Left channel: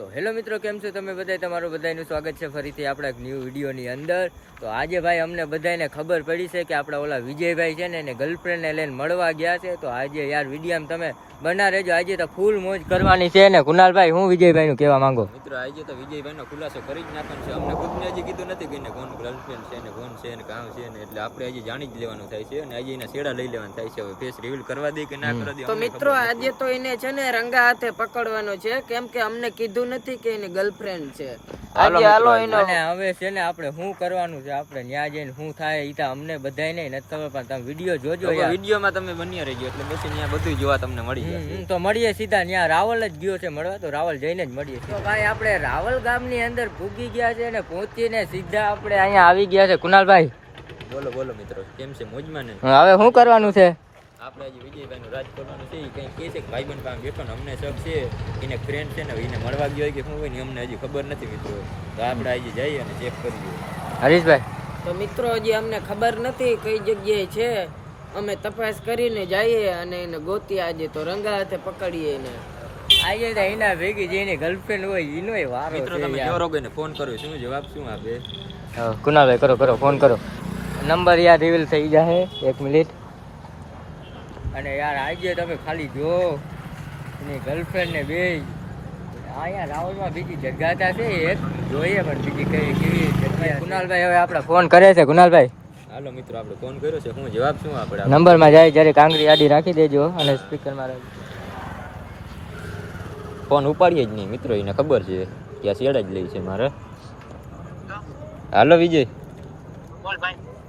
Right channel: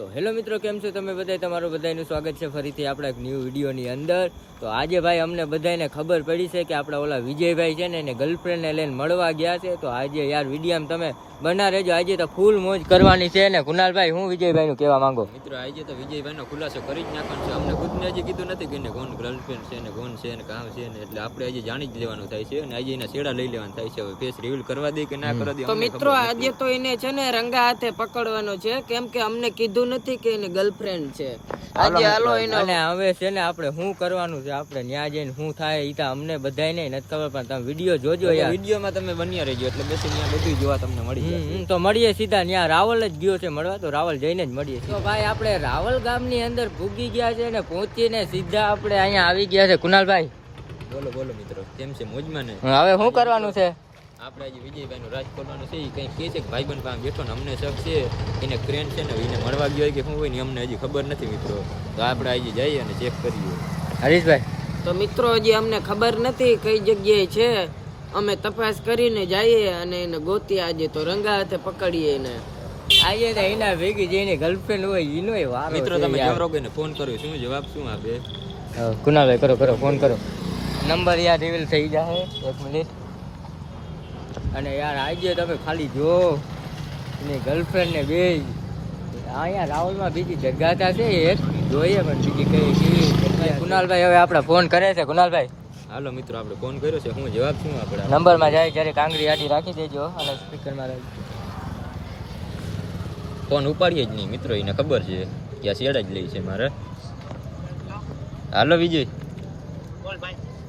તો હેલો મિત્રો, કેમ છો તમે બધા? તમારું બધાનું સ્વાગત છે ફરીથી આપણા એક ન્યૂ વિડીયોની અંદર. તો આજે ભાઈ અમને બધાને ખબર પડી છે કે આપણા ઓલા વિજયભાઈ છે ને એને ગર્લફ્રેન્ડને લઈને મળવા ગયા છે. તો આજે યાર વિડીયામાં તમે બના રહેજો. આજે તો ફૂલ મોજ કરવાની છે ને. કુનાલભાઈ, હું વિજયભાઈનું કહેવા માંગુ? મિત્રો આજે તો વિજયભાઈનો ખુલાસો કરી જ નાખવાનો છે. અમને ખુદને હજી કીધું નથી કે એને કોણ ગર્લફ્રેન્ડ છે ને કોણ છે ને કામ છે ને, એટલે આપણે આજે જાણી જ લેવાનું થાય છે અને આજે એના છેડા લઈ લેવાનું થાય છે. હવે ફેસ રિવીલ કરવા દે કે ના કરવા દે. તો મિત્રો આજે તો એને છે ને રંગા હાથે પકડવાનો છે, કેમ કે અમને કીધું નથી કે એની ગર્લફ્રેન્ડ છે. આજે હાલો એને. અને હવે છે ને આપણે શું કરવાનું છે, આપણે ન્યા જઈને શું થાય એ તો અમને બધાય નથી ખબર, પણ તમે વિડીયો જોજો યાર. વિડીયોમાં તમે બન્યા રહેજો એટલે બેસી ત્યાં બધું જોવા તમને મળી જશે. તો મળીએ સીધા ત્યાં. રાવલ જ ગયો છે મળવા, તો રાવલ જઈને જ મળીએ. તો ભાઈ આપણે રાવલ ગામની અંદર પૂગી ગયા છે ને પહોંચીને સીધા આપણે અહીંયા આવી ગયા છે. કુનાલભાઈ બોલો બોલો મિત્રો, કેમ છે? મોજમાં ને? હવે શું કરવાનું છે? આપણે આજે વિજયભાઈ નું રાજ ખોલવાનું છે. એ કઈ કે છે કે ભાઈબંધ પાસે બેઠો ને અમને શક છે એને ફ્રેન્ડ છે ને એને મળવા ગયો હોય કે શું હોય ને અમને હજી ખબર નથી મિત્રો. તો આપણે આજે જઈએ અને ચેક કરીએ. હરીશભાઈ તો મિત્રો હજી અમને ખબર નથી કઈ જગ્યાએ છે. અમે તપાસ કરીને જઈએ અને એને ગોતી આજે તો રંગા હાથે પકડીએ એને. આજે એના ભેગી જેની ગર્લફ્રેન્ડ હોય એનો વારો મિત્રો. તમે જોરોગને ફોન કર્યો, શું જવાબ શું આપે? કુનાલભાઈ કરો કરો ફોન કરો. નંબર યાર રિવીલ થઈ જાય. 1 મિનિટ. અને યાર આજે તમે ખાલી જો એની ગર્લફ્રેન્ડ ને બે અહીંયા રાહુલમાં બીજી જગ્યાતા છે એક જોઈએ, પણ બીજી કઈ કુનાલભાઈ હવે આપણા ફોન કરે છે. કુનાલભાઈ હાલો મિત્રો, આપણે ફોન કર્યો છે. હું જવાબ શું આપણે નંબરમાં જાય જ્યારે કાંગરી આડી રાખી દેજો અને સ્પીકરમાં રાખજો. ફોન ઉપાડીએ જ નહીં મિત્રો, એને ખબર છે કે આ શેડા જ લઈ છે મારે. હાલો વિજય,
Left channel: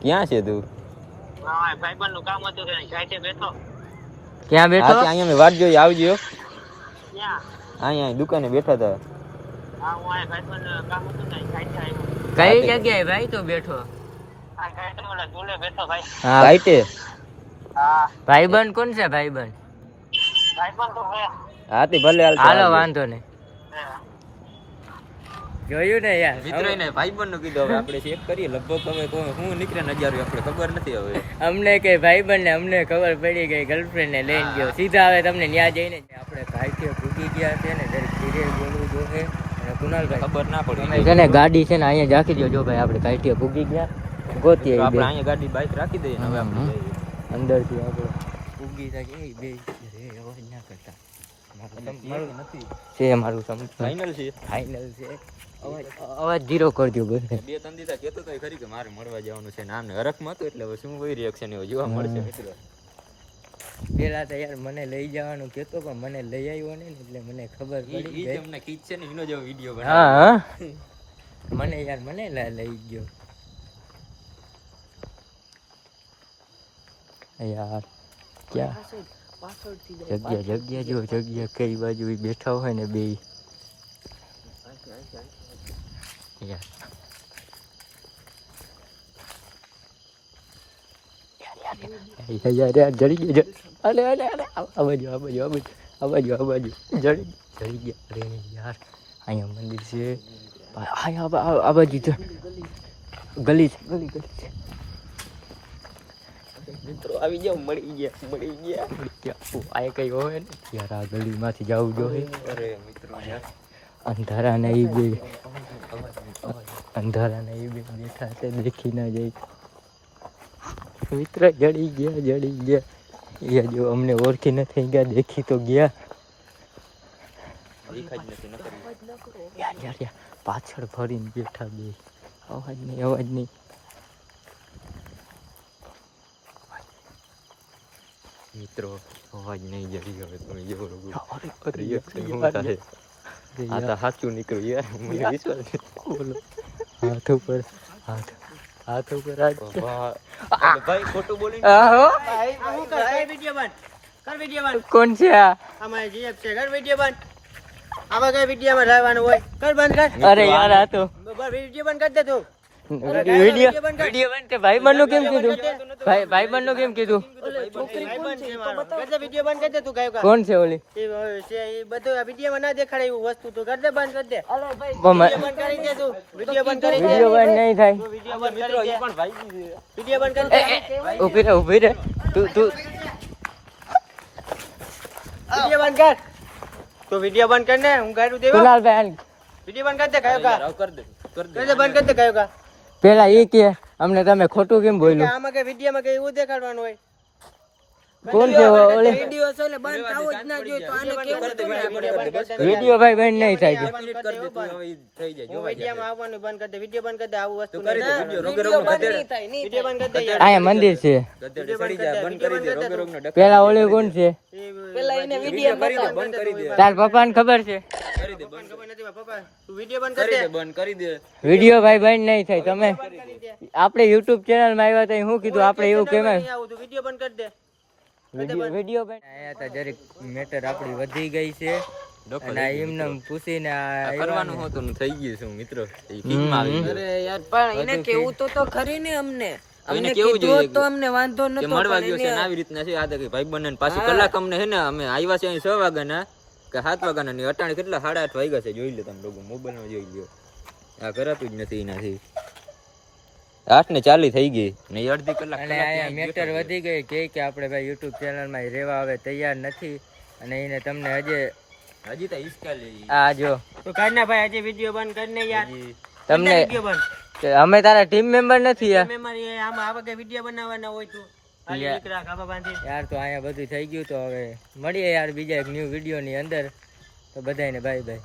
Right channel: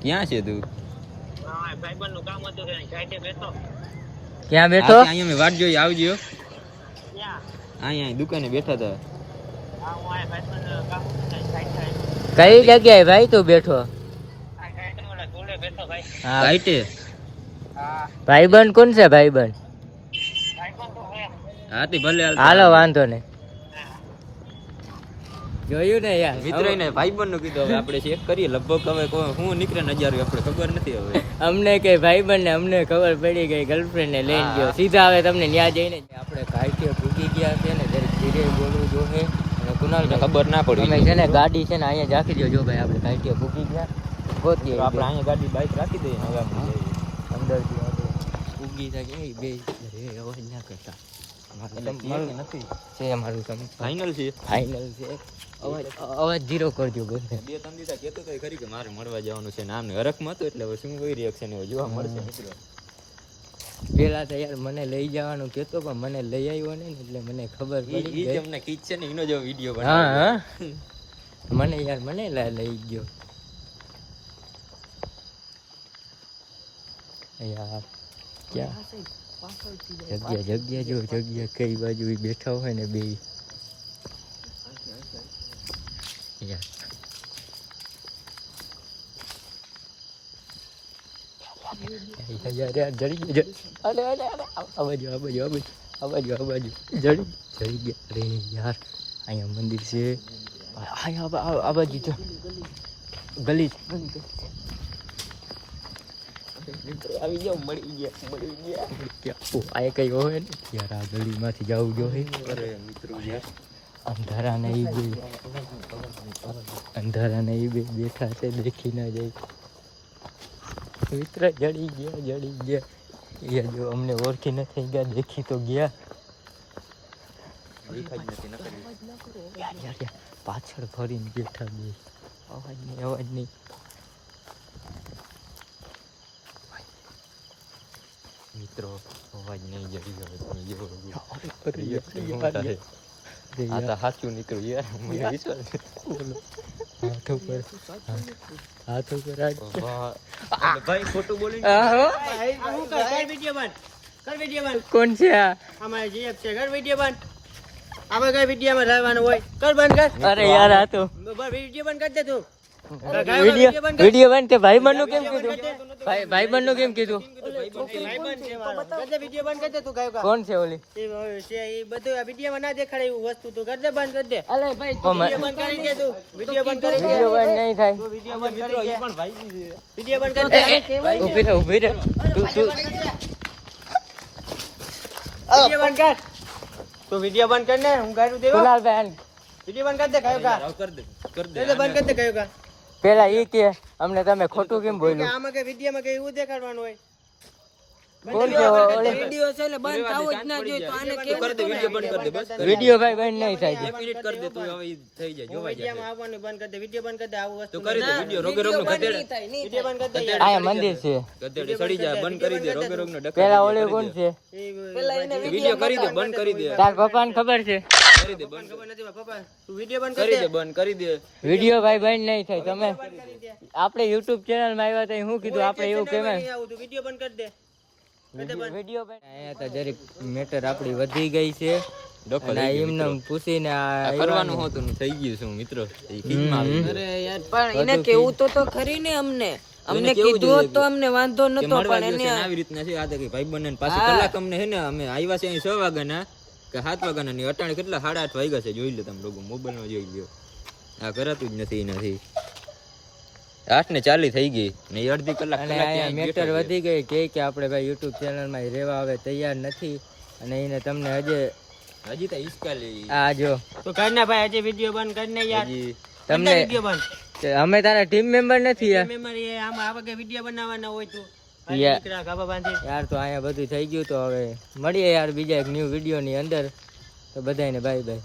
ક્યાં છે તું? ક્યાં બેઠો? અહીંયા મેં વાટ જોઈ, આવજો. અહીંયા દુકાને બેઠા હતા. કઈ જગ્યાએ ભાઈ તું બેઠો? ભાઈબંધ કોણ છે? ભાઈબંધ? હા તે ભલે હાલો, વાંધો નહીં. જોયું ને યાર મિત્રો, એને ભાઈબંધ નું કીધું. હવે આપણે ચેક કરીએ. લગભગ હવે હું નીકળે નજારો આપણે ખબર નથી. હવે અમને કે ભાઈબંધ ને અમને ખબર પડી ગઈ ગર્લફ્રેન્ડ ને લઈને ગયો સીધા. હવે તમને ન્યા જઈને આપણે કાંઈ પૂકી ગયા છે ને જરીક ધીરે બોલવું જોઈએ. અને કુનાલ ખબર ના પડી છે ને ગાડી છે ને અહીંયા જ રાખી જો ભાઈ. આપણે કાંઈ પૂકી ગયા ગોતીએ આપણે અહીંયા ગાડી બાઈક રાખી દઈએ ને હવે આપણે અંદરથી આપણે પૂગી થાય બે અવાજ ના કરતા. નથી છે મારું સમજ ફાઇનલ છે. ફાઇનલ છે. અવાજ ધીરો કરજો. 2-3 દિવસ કહેતો તો ખરી કે મારે મળવા જવાનું છે ને આમને હરખમાં હતો, એટલે હવે શું કોઈ રિએક્શન એવો જોવા મળશે મિત્રો. પેલા તો યાર મને લઈ જવાનું કહેતો, પણ મને લઈ આવ્યો ને એટલે મને ખબર પડી ગઈ. તમને કીચ છે ને એનો જો વિડીયો બનાવ્યો. હા મને યાર મને લઈ ગયો યાર. ક્યાં જગ્યા જો જગ્યા કઈ બાજુ બેઠા હોય ને બે યાર. જડી ગયા. અરે અરે અરે આ બાજુ આ બાજુ આ બાજુ આ બાજુ આ બાજુ જડી ગયા. અરે યાર અહીંયા મંદિર છે. અહીંયા આ બાજુ છે ગલી છે. મિત્રો આવી જાવ. મળી ગયા. આ કઈ હોય ને યાર, આ ગલીમાંથી જવું જોઈએ. અંધારા નહીં બે બેઠા છે, દેખી ના જાય. મિત્ર જડી ગયા એ જો અમને ઓળખી નથી ગયા. દેખી તો ગયા યાર. પાછળ ફરીને બેઠા બે. અવાજ નહીં મિત્રો, અવાજ નહીં જડી ગયો. તમે જો સાચું નીકળ્યું યાર. હાથ ઉપર હાથ ઉપર ભાઈ ખોટું બોલી. કોણ છે આ? અમારે જીએફ છે. કર વિડિયો બંધ. આમાં કઈ વિડિયો માં રહેવાનું હોય. કર બંધ કર. અરે યાર આ તો વિડિયો બંધ કરી દે તું. વિડિયો બંધ તે ભાઈબંધ નું કેમ કીધું? ભાઈબંધ નું કેમ કીધું? કોણ છે ઓલી? બધું વિડિયો માં ના દેખાડે એવું વસ્તુ તું કર દે, બંધ કરી દે. વિડિયો બંધ કરી દે તું. વિડિયો બંધ નહીં થાય. વિડિયો બંધ કરી દે. ઉભી રહે તું. વિડિયો બંધ કર. તો વિડિયો બંધ કર ને હું ગાડું દેવા કુનાલભાઈ વિડિયો બંધ કર દે કયો કા કર દે બંધ કર દે કયો કા પેલા એ કે અમને તમે ખોટું કેમ કે બોલ્યું આમાં કે વિડિયોમાં કે એવું દેખાડવાનું હોય કોણ કે વિડીયો છે ને બંધ થવો જ ના જોઈએ તો આને કેવું હતું ને વિડિયો ભાઈ બંધ નહીં થાય છે મિનિટ કર દે તું હવે થઈ જાય જોવાઈ જાય આવવાનું બંધ કર દે વિડિયો બંધ કર દે આવું વસ્તુ કરી દે વિડિયો રોગે વિડીયો રોગનો બંધ ગધેડ નહીં થાય, નહીં વિડિયો બંધ કર દે અહીંયા મંદિર છે ગધેડ સડી જાય બંધ કરી દે રોગે રોગનો ડક પેલા ઓલે કોણ છે પેલા એને વિડિયો કરી દે બંધ કરી દે તાર પપ્પાને ખબર છે કરી દે બંધ ખબર નથી પપ્પા તું વિડિયો બંધ કરી દે બંધ કરી દે વિડિયો ભાઈ બંધ નહીં થાય તમે આપણે YouTube ચેનલ માં આવ્યા તો શું કીધું આપણે એવું કહેવાય આવું તું વિડિયો બંધ કર દે વિડિયો આયા તા જરીક મેટર આપણી વધી ગઈ છે અને એમને પૂછીને કરવાનું હતું થઈ ગયું છે મિત્રો અરે યાર પણ એને કેવું તો ખરી ને અમને કીધું હોત તો અમને વાંધો નતો મળવા ગયો છે આવી રીતના છે આ તો ભાઈ બંને પાછી કલાક અમને હે ને અમે આવ્યા છે અહીં 6 વાગ્યાના કે 7 વાગ્યાના ની અટાણે કેટલા 8:30 વાગ્યા છે જોઈ લો તમે લોકો મોબાઈલ માં જોઈ લ્યો આ કરાતું જ નથી એનાથી 8:40 થઈ ગઈ ને અડધી કલાક અને આયા મેટર વધી ગઈ કે આપણે ભાઈ YouTube ચેનલ માં રહેવા હવે તૈયાર નથી અને એને તમને હજી તો ઈસ્કાલી આ જો તો કર ના ભાઈ હજી વિડિયો બંધ કર ને યાર તમને વિડિયો બંધ અમે તારા ટીમ મેમ્બર નથી યાર મેમરી આમાં આવા કે વિડિયો બનાવવાના હોય તો નીકળા ગાબા બાંધી યાર તો અહીંયા બધું થઈ ગયું તો હવે મળીએ યાર બીજા એક ન્યૂ વિડિયો ની અંદર તો બધાને બાય બાય